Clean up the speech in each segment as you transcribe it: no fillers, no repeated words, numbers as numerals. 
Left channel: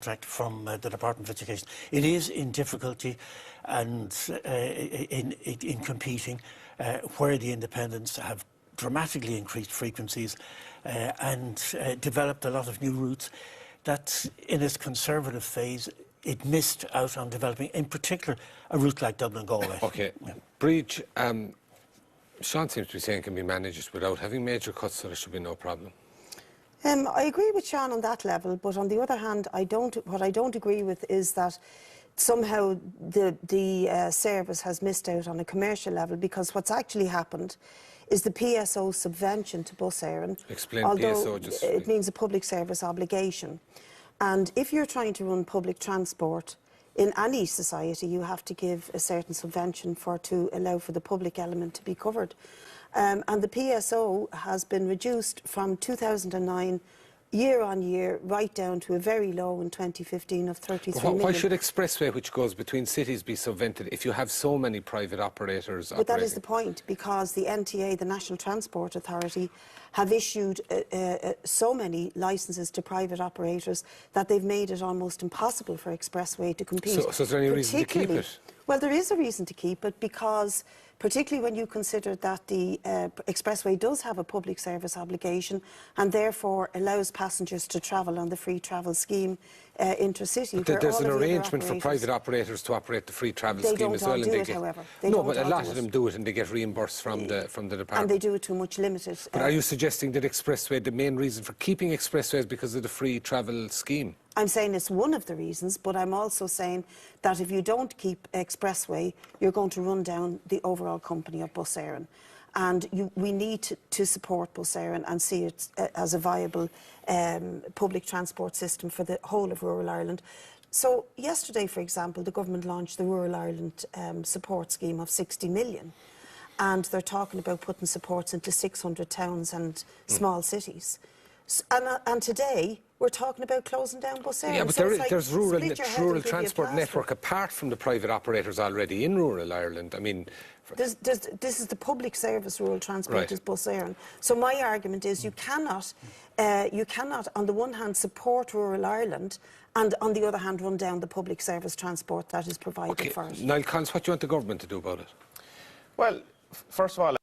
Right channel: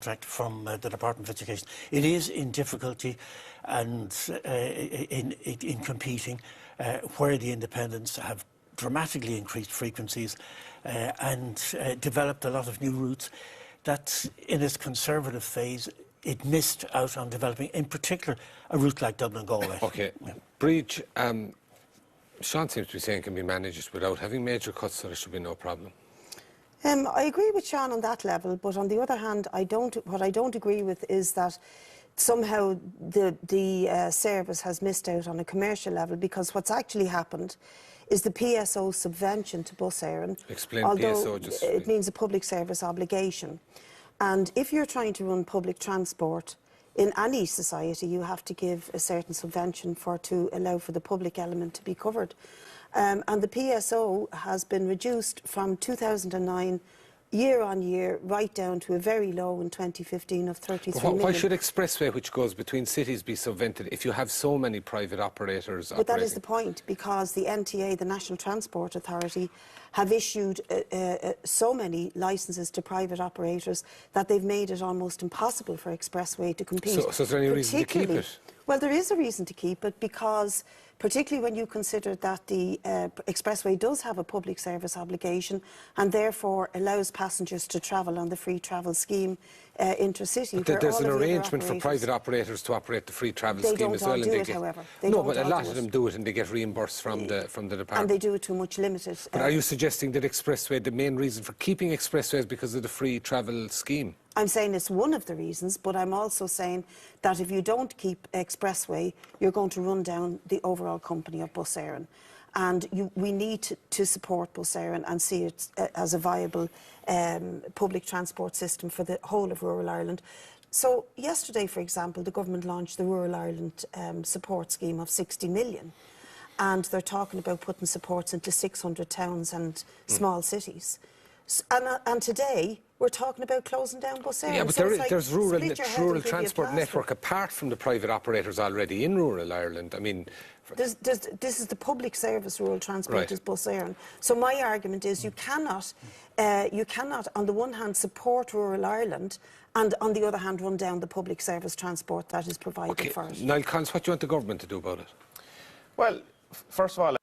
from the Department of Education. It is in difficulty and in competing where the independents have dramatically increased frequencies and developed a lot of new routes that in its conservative phase it missed out on developing, in particular a route like Dublin-Galway. Okay. Yeah. Brid, Sean seems to be saying it can be managed without having major cuts, so there should be no problem. I agree with Sean on that level, but on the other hand, what I don't agree with is that somehow the service has missed out on a commercial level, because what's actually happened is the PSO subvention to Bus Eireann. Explain although PSO just... it means a public service obligation. And if you're trying to run public transport in any society, you have to give a certain subvention to allow for the public element to be covered. And the PSO has been reduced from 2009 year on year right down to a very low in 2015 of 33 million. Why should expressway, which goes between cities, be subvented if you have so many private operators operating? But that is the point, because the NTA, the National Transport Authority, have issued so many licences to private operators that they've made it almost impossible for expressway to compete. So is there any reason to keep it? Well, there is a reason to keep it, because particularly when you consider that the expressway does have a public service obligation and therefore allows passengers to travel on the free travel scheme intercity. But there's an arrangement for private operators to operate the free travel scheme as well. They don't do it, however. No, but a lot of them do it and they get reimbursed from the department. And they do it to a much limited... But are you suggesting that expressway, the main reason for keeping expressway is because of the free travel scheme? I'm saying it's one of the reasons, but I'm also saying that if you don't keep expressway, you're going to run down the overall company of Bus Eireann. And we need to support Bus Eireann and see it as a viable public transport system for the whole of rural Ireland. So yesterday, for example, the government launched the Rural Ireland support scheme of 60 million. And they're talking about putting supports into 600 towns and small cities. And today, we're talking about closing down Bus Eireann. Yeah, but there's rural transport network apart from the private operators already in rural Ireland. I mean... This is the public service rural transport is Bus Eireann. So my argument is you cannot, on the one hand, support rural Ireland and on the other hand, run down the public service transport that is provided for it. Niall Collins, what do you want the government to do about it? Well, first of all...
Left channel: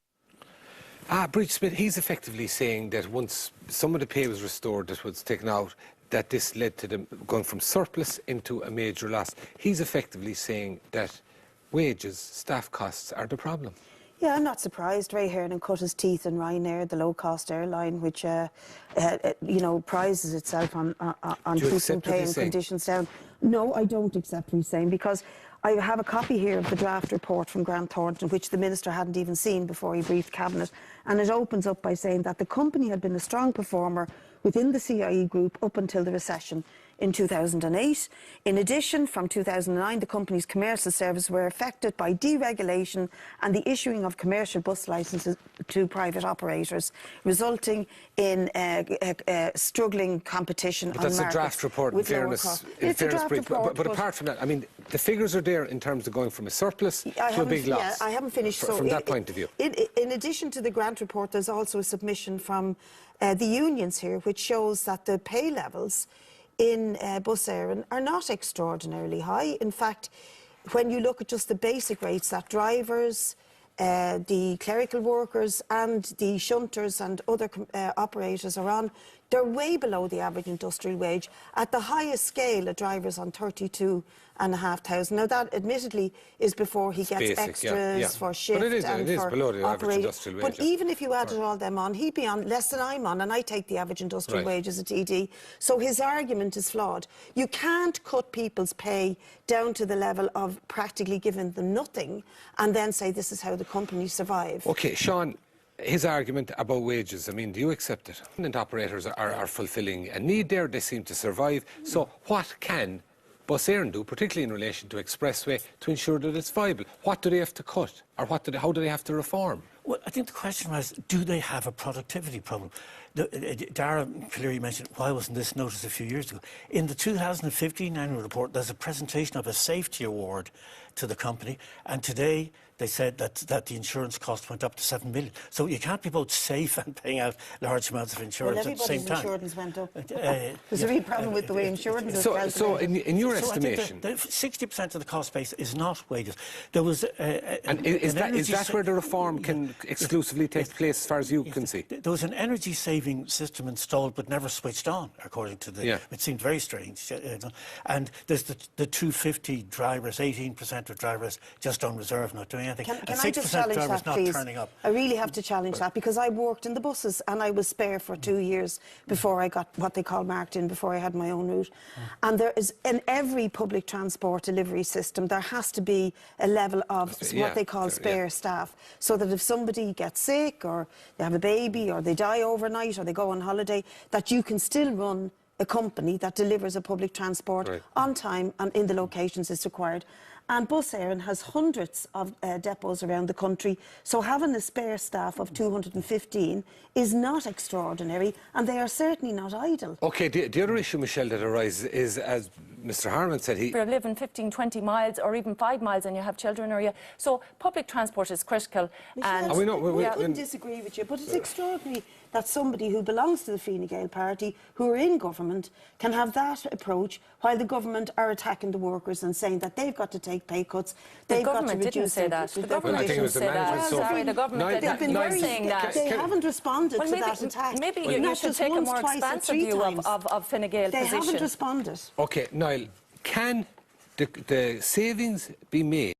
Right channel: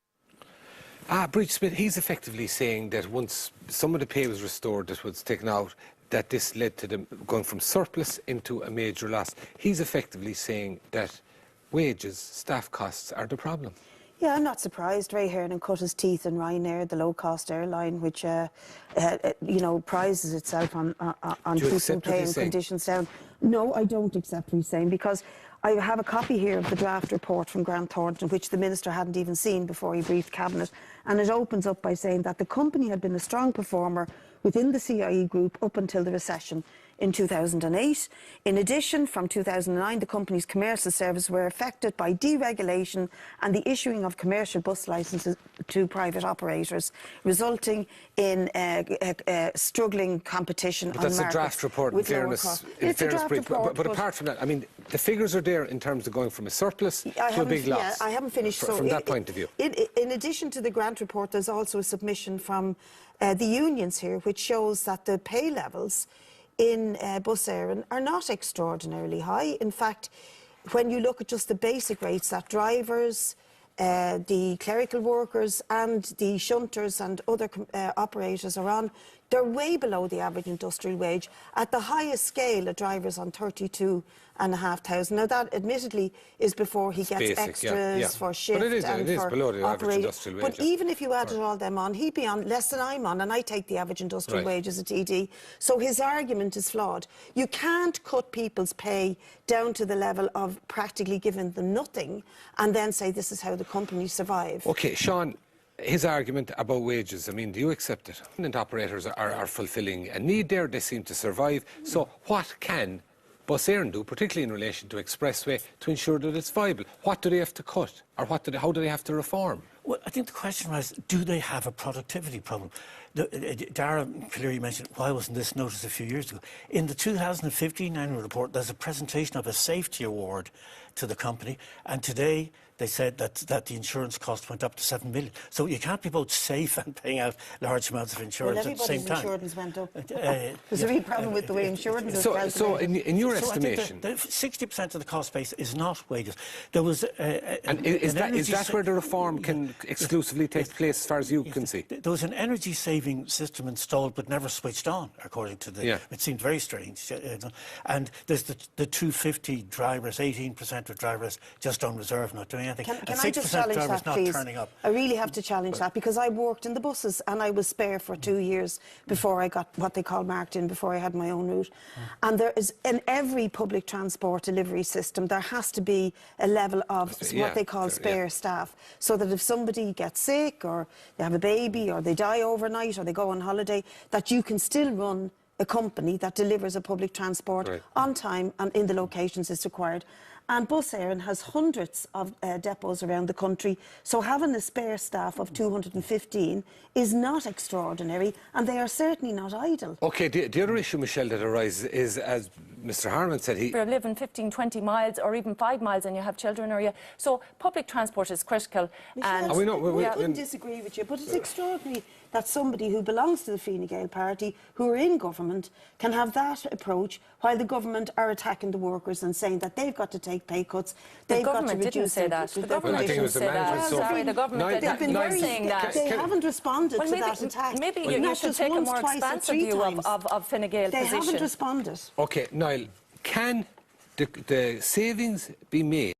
Brid Smith, he's effectively saying that once some of the pay was restored that was taken out, that this led to them going from surplus into a major loss. He's effectively saying that wages, staff costs are the problem. Yeah, I'm not surprised. Ray Hearn cut his teeth in Ryanair, the low-cost airline, which, prides itself on keeping pay and conditions down. No, I don't accept what he's saying, because I have a copy here of the draft report from Grant Thornton, which the Minister hadn't even seen before he briefed Cabinet, and it opens up by saying that the company had been a strong performer within the CIE group up until the recession in 2008. In addition, from 2009, the company's commercial services were affected by deregulation and the issuing of commercial bus licences to private operators, resulting in struggling competition on markets. That's a draft report, in fairness, but apart from that, I mean, the figures are there in terms of going from a surplus to a big loss. I haven't finished. From that point of view. In addition to the grant report, there's also a submission from the unions here, which shows that the pay levels in Bus Eireann are not extraordinarily high. In fact, when you look at just the basic rates that drivers, the clerical workers and the shunters and other operators are on, they're way below the average industrial wage. At the highest scale, a driver's on 32,500. Now, that admittedly is before he gets basic, extras for shift but it is for below the average industrial wage. But even if you added all them on, he'd be on less than I'm on, and I take the average industrial wage as a TD. So his argument is flawed. You can't cut people's pay down to the level of practically giving them nothing and then say this is how the company survive. OK, Sean, his argument about wages, I mean, do you accept it? And operators are fulfilling a need there, they seem to survive. So what can Bus Eireann do, particularly in relation to expressway, to ensure that it's viable? What do they have to cut, or how do they have to reform? Well, I think the question was, do they have a productivity problem? Dara clearly mentioned, why wasn't this noticed a few years ago? In the 2015 annual report, there's a presentation of a safety award to the company, and today they said that the insurance cost went up to 7 million. So you can't be both safe and paying out large amounts of insurance at the same time. Everybody's insurance went up. There's a real problem with the way insurance is So calculated. in your estimation... the 60% of the cost base is not wages. There was... is that where the reform can exclusively take place, as far as you can see? There was an energy-saving system installed but never switched on, according to the... It seemed very strange. And there's the 250 drivers, 18% of drivers just on reserve, not doing anything. Can And I just 6% challenge drivers that, not please? turning up. I really have to challenge that, because I worked in the buses and I was spare for 2 years before I got what they call marked in, before I had my own route. And there is, in every public transport delivery system, there has to be a level of what they call spare staff, so that if somebody gets sick or they have a baby or they die overnight or they go on holiday, that you can still run a company that delivers a public transport on time and in the locations it's required. And Bus Eireann has hundreds of depots around the country, so having a spare staff of 215 is not extraordinary, and they are certainly not idle. OK, the other issue, Michelle, that arises is, as Mr. Harman said, If you're living 15, 20 miles or even 5 miles and you have children, so public transport is critical. Michelle, And I couldn't disagree with you, but it's extraordinary that somebody who belongs to the Fine Gael party, who are in government, can have that approach while the government are attacking the workers and saying that they've got to take pay cuts. The government didn't say that. The government didn't say that. Sorry, the government didn't saying that. They haven't responded to that attack. Maybe you should take a more expansive view of Fine Gael position. They haven't responded. OK, Niall, can the savings be made